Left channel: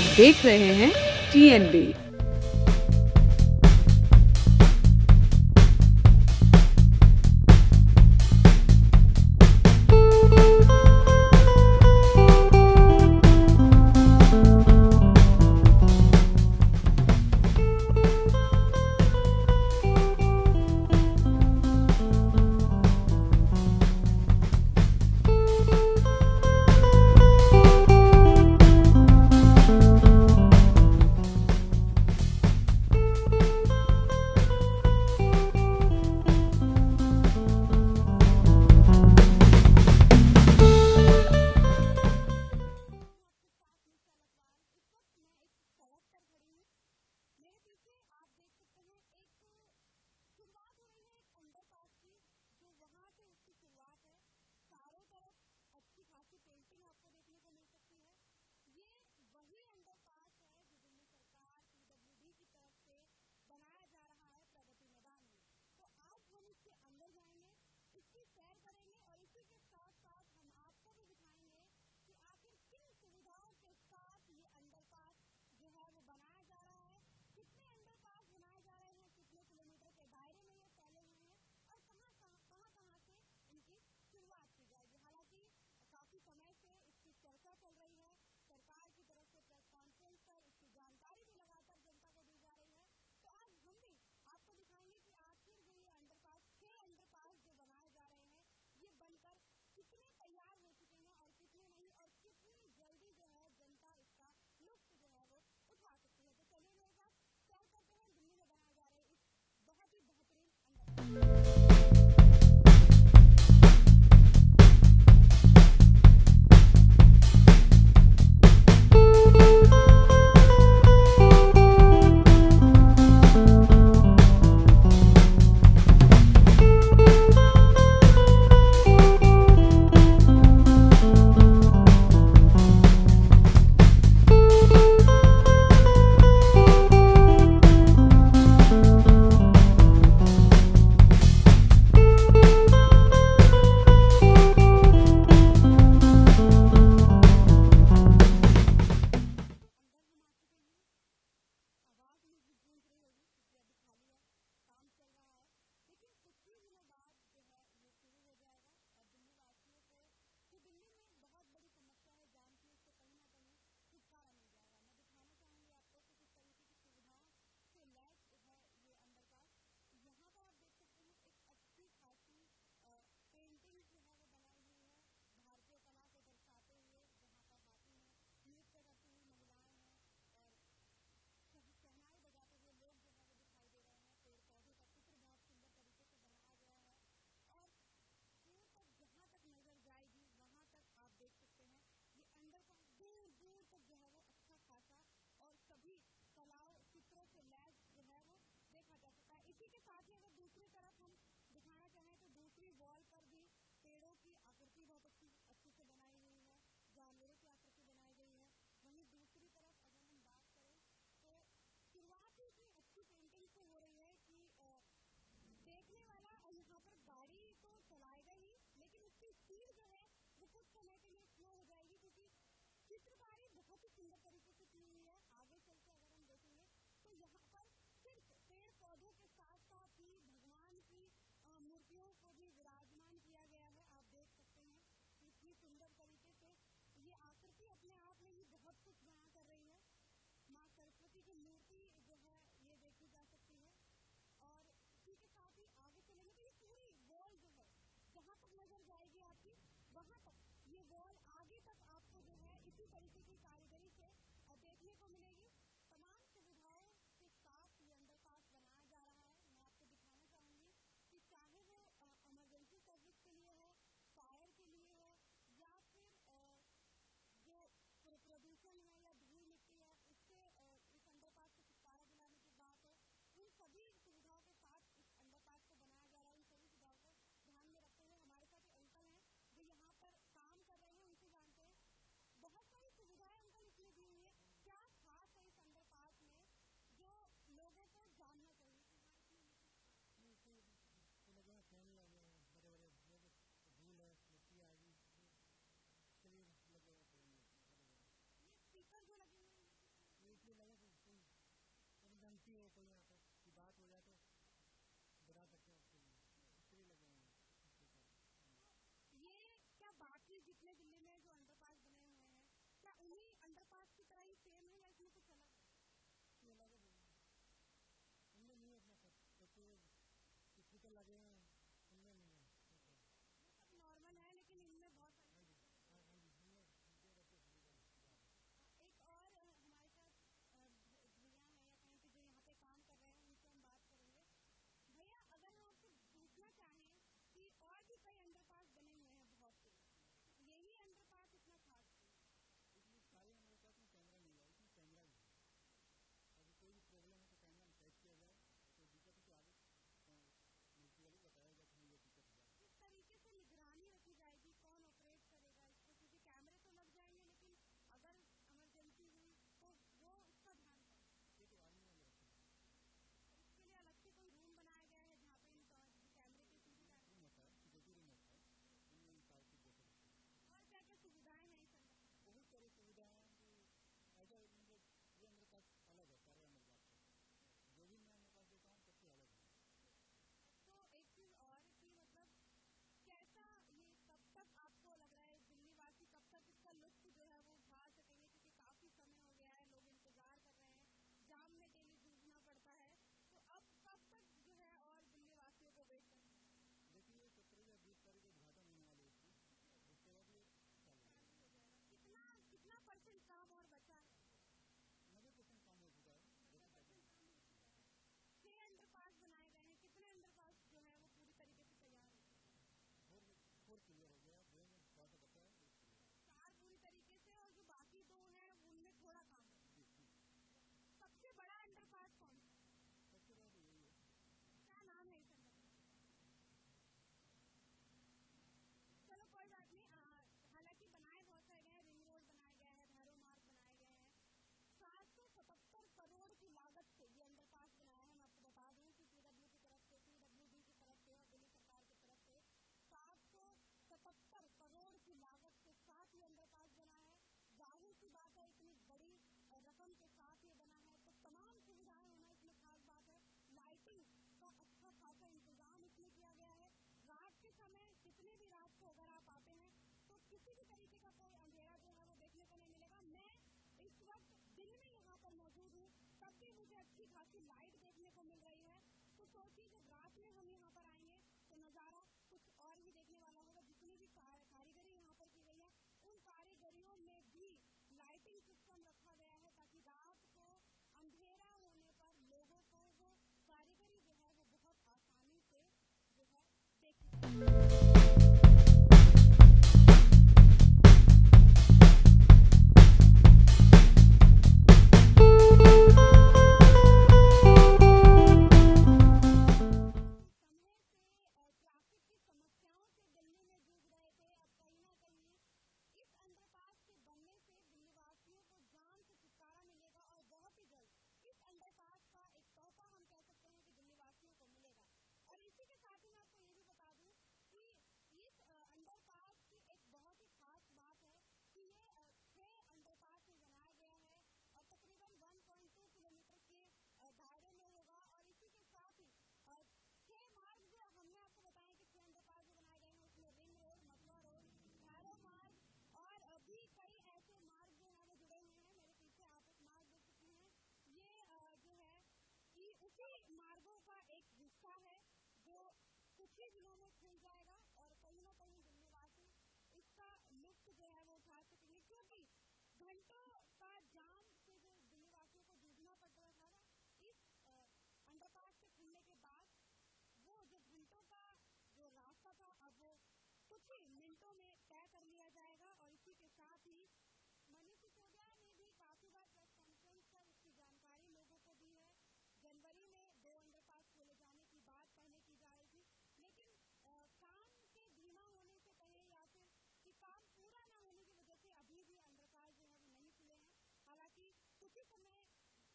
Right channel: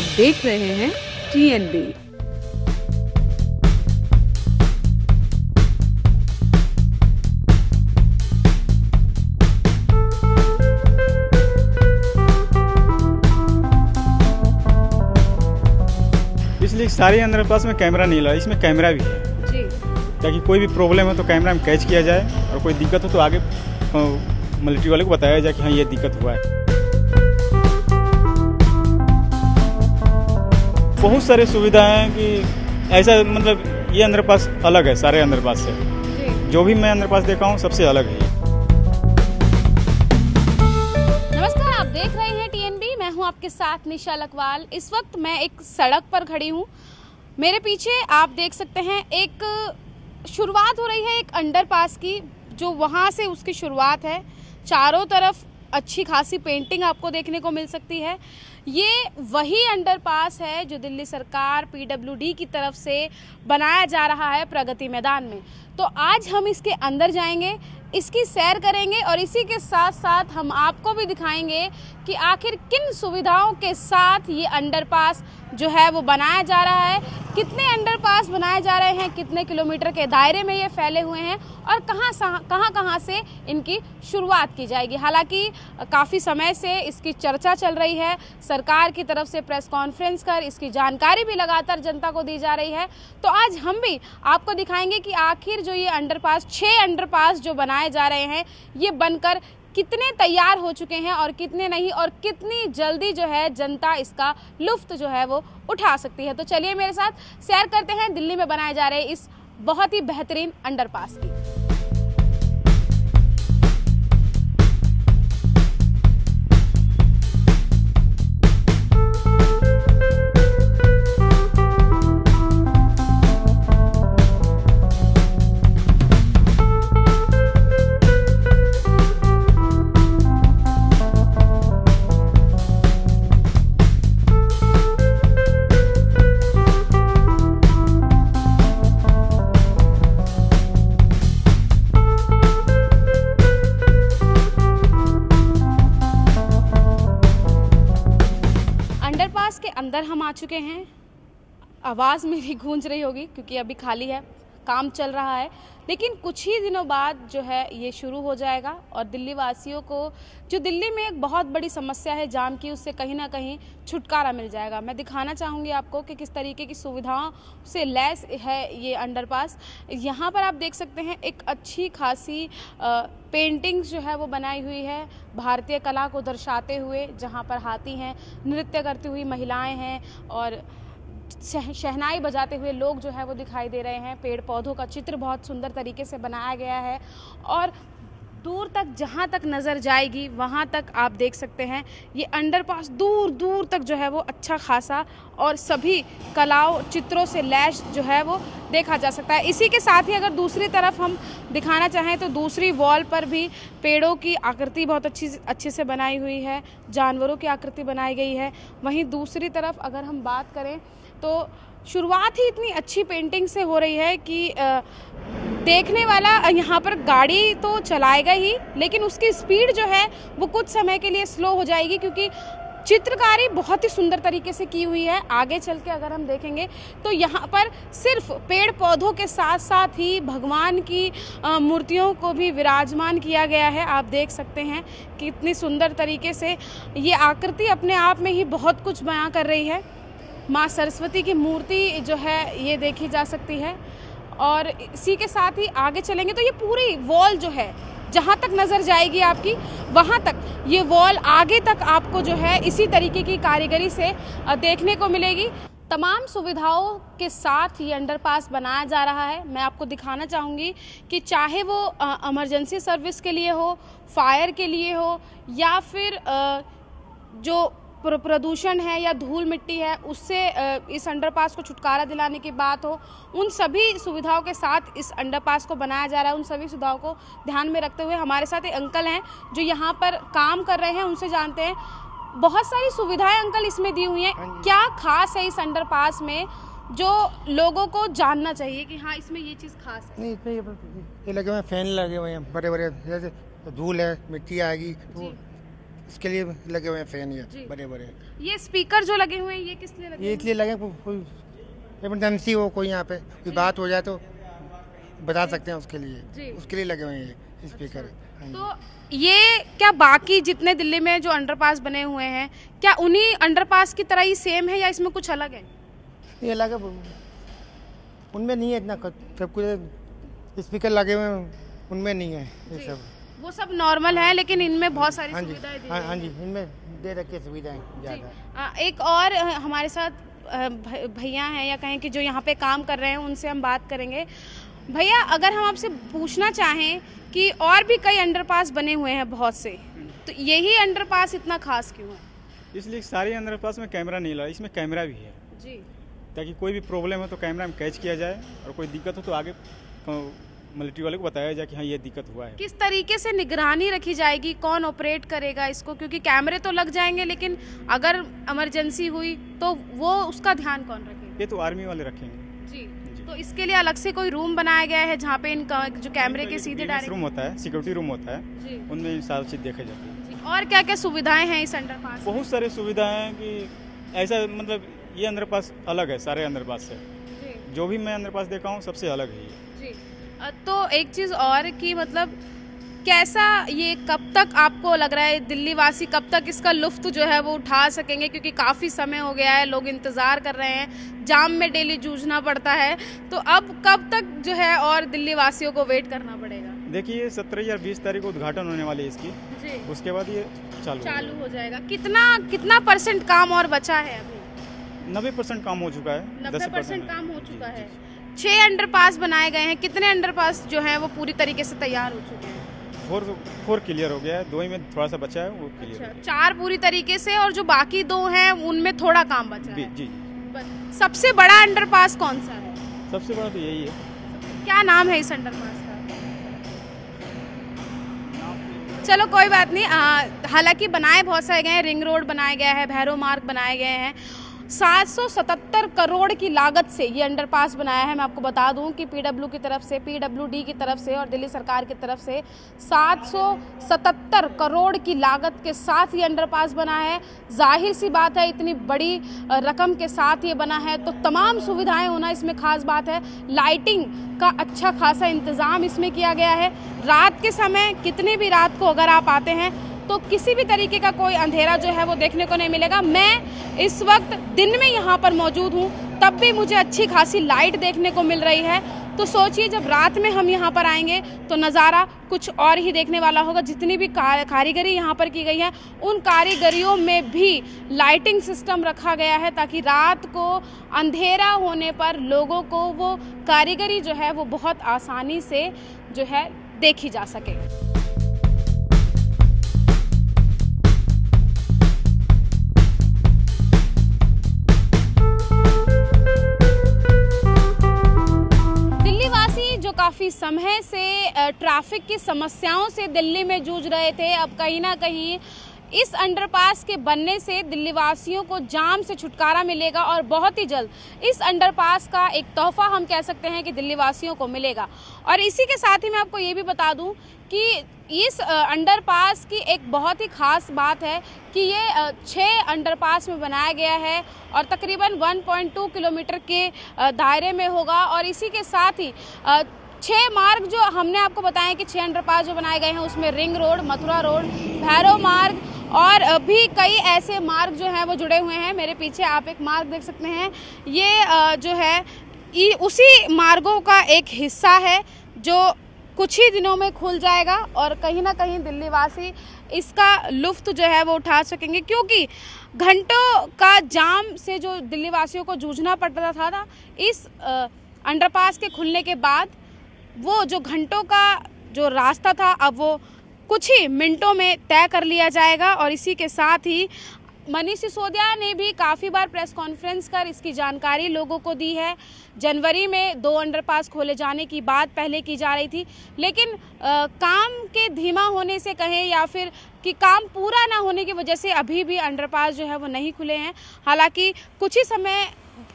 आप देख रहे हैं TNB। इसलिए सारे अंडरपास में कैमरा नहीं लगा, इसमें कैमरा भी है ताकि कोई भी प्रॉब्लम है तो कैमरा में कैच किया जाए और कोई दिक्कत हो तो आगे मिलिट्री वाले को बताया जाए कि हाँ ये दिक्कत हुआ है। बहुत सारी सुविधाएं हैं कि ऐसा मतलब ये अंडरपास अलग है सारे अंडरपास से, जो भी मैं अंडरपास देखा हूँ सबसे अलग है। नमस्कार, आप देख रहे हैं TNB, मैं हूँ आपके साथ निशा लकवाल। इस वक्त मैं एक सड़क पर खड़ी हूँ। मेरे पीछे आप देख सकते हैं एक शुरुआत हो रही है एक अंडरपास की, जो वहाँ से उसकी शुरुआत है। चारों तरफ अच्छी खासी पेंटिंग आपको देखने को मिल सकती है। ये वही अंडरपास है जो दिल्ली सरकार PWD की तरफ से बनाया जा रहा है प्रगति मैदान में। तो आज हम इसके अंदर जाएंगे, इसकी सैर करेंगे और इसी के साथ साथ हम आपको भी दिखाएंगे कि आखिर किन सुविधाओं के साथ ये अंडरपास जो है वो बनाया जा रहा है, कितने अंडरपास बनाए जा रहे हैं, कितने किलोमीटर के दायरे में ये फैले हुए हैं और कहां से इनकी शुरुआत की जाएगी। हालांकि काफ़ी समय से इसकी चर्चा चल रही है, सरकार की तरफ से प्रेस कॉन्फ्रेंस कर इसकी जानकारी भी लगातार जनता को दी जा रही है। तो आज हम भी आपको दिखाएंगे कि आखिर जो ये अंडरपास 6 अंडरपास जो बनाए जा रहे हैं ये बनकर कितने तैयार हो चुके हैं और कितने नहीं, और कितनी जल्दी जो है जनता इसका लुफ्त जो है वो उठा सकती है। तो चलिए मेरे साथ सैर करते हैं दिल्ली में बनाए जा रहे इस बहुत ही बेहतरीन अंडरपास की। अंदर हम आ चुके हैं। आवाज़ मेरी गूंज रही होगी क्योंकि अभी खाली है, काम चल रहा है, लेकिन कुछ ही दिनों बाद जो है ये शुरू हो जाएगा और दिल्ली वासियों को जो दिल्ली में एक बहुत बड़ी समस्या है जाम की, उससे कहीं ना कहीं छुटकारा मिल जाएगा। मैं दिखाना चाहूँगी आपको कि किस तरीके की सुविधाओं से लैस है ये अंडरपास। यहाँ पर आप देख सकते हैं एक अच्छी खासी पेंटिंग्स जो है वो बनाई हुई है भारतीय कला को दर्शाते हुए, जहाँ पर हाथी हैं, नृत्य करती हुई महिलाएं हैं और शहनाई बजाते हुए लोग जो है वो दिखाई दे रहे हैं। पेड़ पौधों का चित्र बहुत सुंदर तरीके से बनाया गया है और दूर तक जहाँ तक नज़र जाएगी वहाँ तक आप देख सकते हैं ये अंडरपास दूर दूर तक जो है वो अच्छा खासा और सभी कलाओं चित्रों से लैस जो है वो देखा जा सकता है। इसी के साथ ही अगर दूसरी तरफ हम दिखाना चाहें तो दूसरी वॉल पर भी पेड़ों की आकृति बहुत अच्छे से बनाई हुई है, जानवरों की आकृति बनाई गई है। वहीं दूसरी तरफ अगर हम बात करें तो शुरुआत ही इतनी अच्छी पेंटिंग से हो रही है कि देखने वाला यहाँ पर गाड़ी तो चलाएगा ही, लेकिन उसकी स्पीड जो है वो कुछ समय के लिए स्लो हो जाएगी क्योंकि चित्रकारी बहुत ही सुंदर तरीके से की हुई है। आगे चल के अगर हम देखेंगे तो यहाँ पर सिर्फ पेड़ पौधों के साथ साथ ही भगवान की मूर्तियों को भी विराजमान किया गया है। आप देख सकते हैं कि इतनी सुंदर तरीके से ये आकृति अपने आप में ही बहुत कुछ बयां कर रही है। माँ सरस्वती की मूर्ति जो है ये देखी जा सकती है और इसी के साथ ही आगे चलेंगे तो ये पूरी वॉल जो है जहाँ तक नज़र जाएगी आपकी वहाँ तक ये वॉल आगे तक आपको जो है इसी तरीके की कारीगरी से देखने को मिलेगी। तमाम सुविधाओं के साथ ये अंडरपास बनाया जा रहा है। मैं आपको दिखाना चाहूँगी कि चाहे वो इमरजेंसी सर्विस के लिए हो, फायर के लिए हो या फिर जो प्रदूषण है या धूल मिट्टी है उससे इस अंडरपास को छुटकारा दिलाने की बात हो, उन सभी सुविधाओं के साथ इस अंडरपास को बनाया जा रहा है। उन सभी सुविधाओं को ध्यान में रखते हुए हमारे साथ एक अंकल हैं जो यहाँ पर काम कर रहे हैं, उनसे जानते हैं। बहुत सारी सुविधाएं अंकल इसमें दी हुई हैं, क्या खास है इस अंडरपास में जो लोगों को जानना चाहिए कि हाँ इसमें ये चीज़ खास है? नहीं, इसमें ये लगे हुए फैन लगे हुए हैं बड़े बड़े, जैसे धूल है, मिट्टी आएगी तो उसके लिए लगे हुए हैं फैन ये जी। बड़े बड़े। ये स्पीकर जो लगे हुए हैं ये किस लिए लगे ये हुए इसलिए लगे कोई इमरजेंसी हो, कोई यहाँ पे कोई बात हो जाए तो बता सकते हैं जी। उसके लिए लगे हुए हैं ये स्पीकर। हाँ हैं? जी। तो ये क्या बाकी जितने दिल्ली में जो अंडरपास बने हुए हैं क्या उन्हीं अंडरपास की तरह ही सेम है या इसमें कुछ अलग है? ये लगे उनमें नहीं है इतना सब कुछ स्पीकर लगे हुए हैं, उनमें नहीं है ये जी। सब। वो सब नॉर्मल है लेकिन इनमें बहुत सारी हाँ जी, सुविधाएं दी हाँ गई जी, हैं। इनमें दे रखी है सुविधाएं ज़्यादा। एक और हमारे साथ भैया हैं या कहें कि जो यहाँ पे काम कर रहे हैं उनसे हम बात करेंगे। भैया अगर हम आपसे पूछना चाहें कि और भी कई अंडरपास बने हुए हैं बहुत से, तो यही अंडरपास इतना खास क्यों है? इसलिए सारे अंडरपास में कैमरा नहीं लगा, इसमें कैमरा भी है जी ताकि कोई भी प्रॉब्लम हो तो कैमरा में कैच किया जाए और कोई दिक्कत हो तो आगे मिलिट्री वाले को बताया जाए कि हाँ ये दिक्कत हुआ है। किस तरीके से निगरानी रखी जाएगी, कौन ऑपरेट करेगा इसको? क्योंकि कैमरे तो लग जाएंगे लेकिन अगर इमरजेंसी हुई तो वो उसका ध्यान कौन रखेगा? ये तो आर्मी वाले रखेंगे। जी तो इसके लिए अलग से कोई रूम बनाया गया है जहाँ पे इनका जो कैमरे के सीधे डायरेक्ट रूम होता है, सिक्योरिटी रूम होता है, जी उनमें सारी चीज़ देखी जाती है। जी और क्या क्या सुविधाएं हैं इस अंडरपास में? बहुत सारी सुविधाएं हैं कि ऐसा मतलब ये अंडरपास अलग है सारे अंडरपास से। जी जो भी मैं अंडरपास देखा हूँ सबसे अलग है ये। जी तो एक चीज़ और कि मतलब कैसा ये कब तक आपको लग रहा है दिल्ली वासी कब तक इसका लुफ्त जो है वो उठा सकेंगे? क्योंकि काफ़ी समय हो गया है, लोग इंतज़ार कर रहे हैं, जाम में डेली जूझना पड़ता है, तो अब कब तक जो है और दिल्ली वासियों को वेट करना पड़ेगा? देखिए 17 या 20 तारीख को उद्घाटन होने वाली है इसकी, जी उसके बाद ये चालू हो जाएगा। कितना परसेंट काम और बचा है अभी? 90% काम हो चुका है, 90% 10% काम हो जी, चुका जी, है। जी। 6 अंडरपास बनाए गए हैं, कितने अंडरपास जो हैं वो पूरी तरीके से तैयार हो चुके हैं? 4 क्लियर हो गया है, 2 ही में थोड़ा सा बचा है वो क्लियर अच्छा 4 पूरी तरीके से और जो बाकी 2 हैं उनमें थोड़ा काम बचा है। जी। सबसे बड़ा अंडरपास कौन सा है? सबसे बड़ा तो यही है। क्या नाम है इस अंडरपास का? चलो कोई बात नहीं, हालांकि बनाए बहुत सारे गए हैं, रिंग रोड बनाया गया है, भैरव मार्ग बनाए गए हैं। 777 करोड़ की लागत से ये अंडरपास बनाया है। मैं आपको बता दूं कि पीडब्ल्यू की तरफ से, पीडब्ल्यूडी की तरफ से और दिल्ली सरकार की तरफ से 777 करोड़ की लागत के साथ ये अंडरपास बना है। जाहिर सी बात है इतनी बड़ी रकम के साथ ये बना है तो तमाम सुविधाएं होना इसमें खास बात है। लाइटिंग का अच्छा खासा इंतज़ाम इसमें किया गया है। रात के समय कितनी भी रात को अगर आप आते हैं तो किसी भी तरीके का कोई अंधेरा जो है वो देखने को नहीं मिलेगा। मैं इस वक्त दिन में यहाँ पर मौजूद हूँ तब भी मुझे अच्छी खासी लाइट देखने को मिल रही है, तो सोचिए जब रात में हम यहाँ पर आएंगे तो नज़ारा कुछ और ही देखने वाला होगा। जितनी भी कारीगरी यहाँ पर की गई है उन कारीगरियों में भी लाइटिंग सिस्टम रखा गया है ताकि रात को अंधेरा होने पर लोगों को वो कारीगरी जो है वो बहुत आसानी से जो है देखी जा सके। काफ़ी समय से ट्रैफिक की समस्याओं से दिल्ली में जूझ रहे थे, अब कहीं ना कहीं इस अंडरपास के बनने से दिल्ली वासियों को जाम से छुटकारा मिलेगा और बहुत ही जल्द इस अंडरपास का एक तोहफा हम कह सकते हैं कि दिल्ली वासियों को मिलेगा। और इसी के साथ ही मैं आपको ये भी बता दूं कि इस अंडरपास की एक बहुत ही ख़ास बात है कि ये 6 अंडरपास में बनाया गया है और तकरीबन 1.2 किलोमीटर के दायरे में होगा। और इसी के साथ ही 6 मार्ग जो हमने आपको बताया कि 6 अंडरपास जो बनाए गए हैं उसमें ring road, Mathura road, Bhairav मार्ग और भी कई ऐसे मार्ग जो हैं वो जुड़े हुए हैं। मेरे पीछे आप एक मार्ग देख सकते हैं, ये जो है उसी मार्गों का एक हिस्सा है जो कुछ ही दिनों में खुल जाएगा और कहीं ना कहीं दिल्ली वासी इसका लुफ्त जो है वो उठा सकेंगे, क्योंकि घंटों का जाम से जो दिल्ली वासियों को जूझना पड़ता था इस अंडरपास के खुलने के बाद वो जो घंटों का जो रास्ता था अब वो कुछ ही मिनटों में तय कर लिया जाएगा। और इसी के साथ ही मनीष सिसोदिया ने भी काफ़ी बार प्रेस कॉन्फ्रेंस कर इसकी जानकारी लोगों को दी है। जनवरी में 2 अंडरपास खोले जाने की बात पहले की जा रही थी, लेकिन काम के धीमा होने से कहें या फिर कि काम पूरा ना होने की वजह से अभी भी अंडरपास जो है वो नहीं खुले हैं। हालांकि कुछ ही समय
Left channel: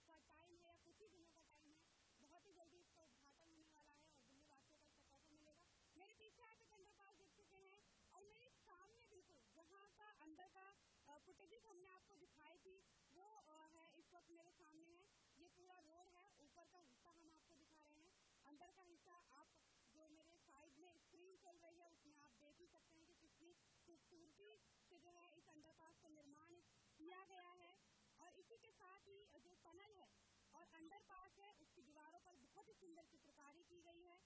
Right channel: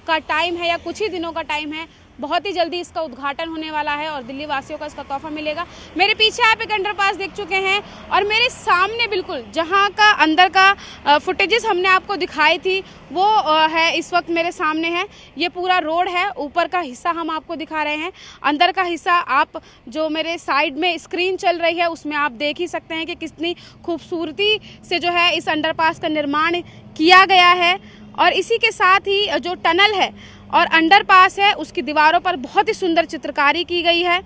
का टाइम है या कुछ ही दिनों का टाइम है, बहुत ही जल्दी इसका उद्घाटन होने वाला है और दिल्ली वासियों को इसका तोहफा मिलेगा। मेरे पीछे आप एक अंडरपास देख चुके हैं और मेरे सामने बिल्कुल जहां का अंदर का फुटेजेस हमने आपको दिखाई थी वो है इस वक्त मेरे सामने है। ये पूरा रोड है, ऊपर का हिस्सा हम आपको दिखा रहे हैं, अंदर का हिस्सा आप जो मेरे साइड में स्क्रीन चल रही है उसमें आप देख ही सकते हैं कि कितनी खूबसूरती से जो है इस अंडरपास का निर्माण किया गया है। और इसी के साथ ही जो टनल है और अंडरपास है उसकी दीवारों पर बहुत ही सुंदर चित्रकारी की गई है।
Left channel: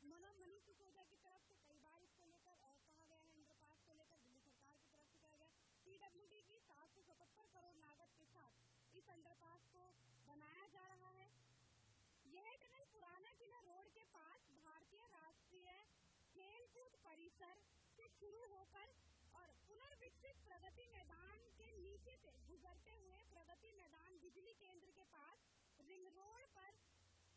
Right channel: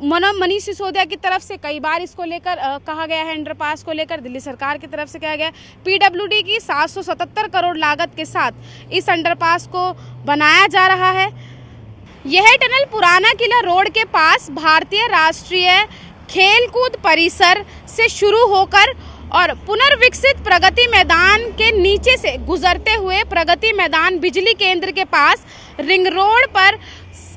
मनीष सिसोदिया की तरफ से कई बार इसको लेकर कहा गया है, अंडरपास को लेकर दिल्ली सरकार की तरफ से कहा गया है। पीडब्ल्यूडी की 777 करोड़ लागत के साथ इस अंडरपास को बनाया जा रहा है। यह टनल पुराना किला रोड के पास भारतीय राष्ट्रीय खेलकूद परिसर से शुरू होकर और पुनर्विकसित प्रगति मैदान के नीचे से गुजरते हुए प्रगति मैदान बिजली केंद्र के पास रिंग रोड पर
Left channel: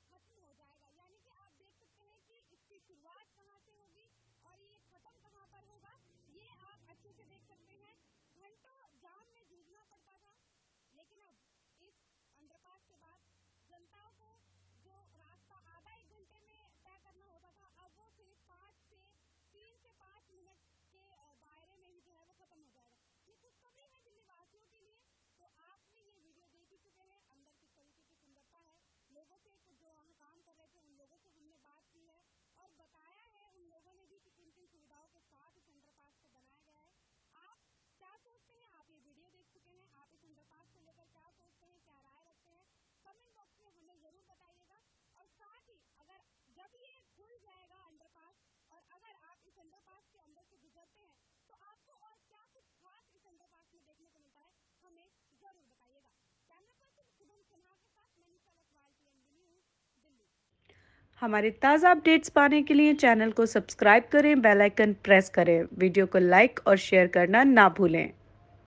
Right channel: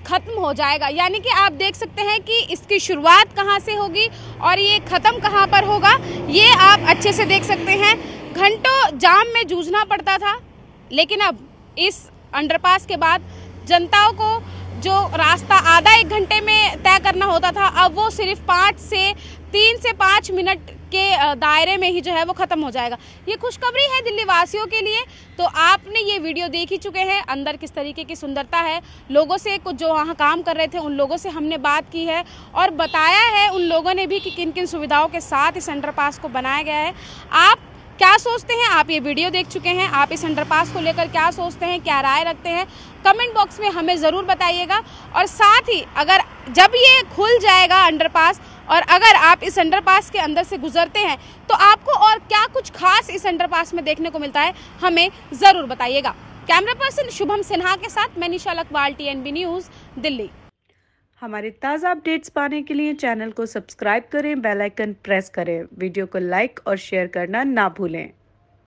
खत्म हो जाएगा। यानी कि आप देख सकते हैं कि इसकी शुरुआत कहां से होगी और ये खत्म कहां पर होगा, ये आप अच्छे से देख सकते हैं। घंटों जाम में जूझना पड़ता था, लेकिन अब इस अंडरपास के बाद जनताओं को जो रास्ता आधा एक घंटे में तय करना होता था, अब वो सिर्फ 3 से 5 मिनट के दायरे में ही जो है वो खत्म हो जाएगा। ये खुशखबरी है दिल्ली वासियों के लिए। तो आपने ये वीडियो देख ही चुके हैं, अंदर किस तरीके की सुंदरता है। लोगों से कुछ जो वहाँ काम कर रहे थे उन लोगों से हमने बात की है और बताया है उन लोगों ने भी कि किन किन सुविधाओं के साथ इस अंडरपास को बनाया गया है। आप क्या सोचते हैं? आप ये वीडियो देख चुके हैं, आप इस अंडरपास को लेकर क्या सोचते हैं, क्या राय रखते हैं, कमेंट बॉक्स में हमें ज़रूर बताइएगा। और साथ ही अगर जब ये खुल जाएगा अंडरपास और अगर आप इस अंडरपास के अंदर से गुजरते हैं तो आपको और क्या कुछ खास इस अंडरपास में देखने को मिलता है, हमें ज़रूर बताइएगा। कैमरा पर्सन शुभम सिन्हा के साथ मैं निशा लखवाल, TNB न्यूज़, दिल्ली। हमारे ताज़ा अपडेट्स पाने के लिए चैनल को सब्सक्राइब करें, बेल आइकन प्रेस करें, वीडियो को लाइक और शेयर करना ना भूलें।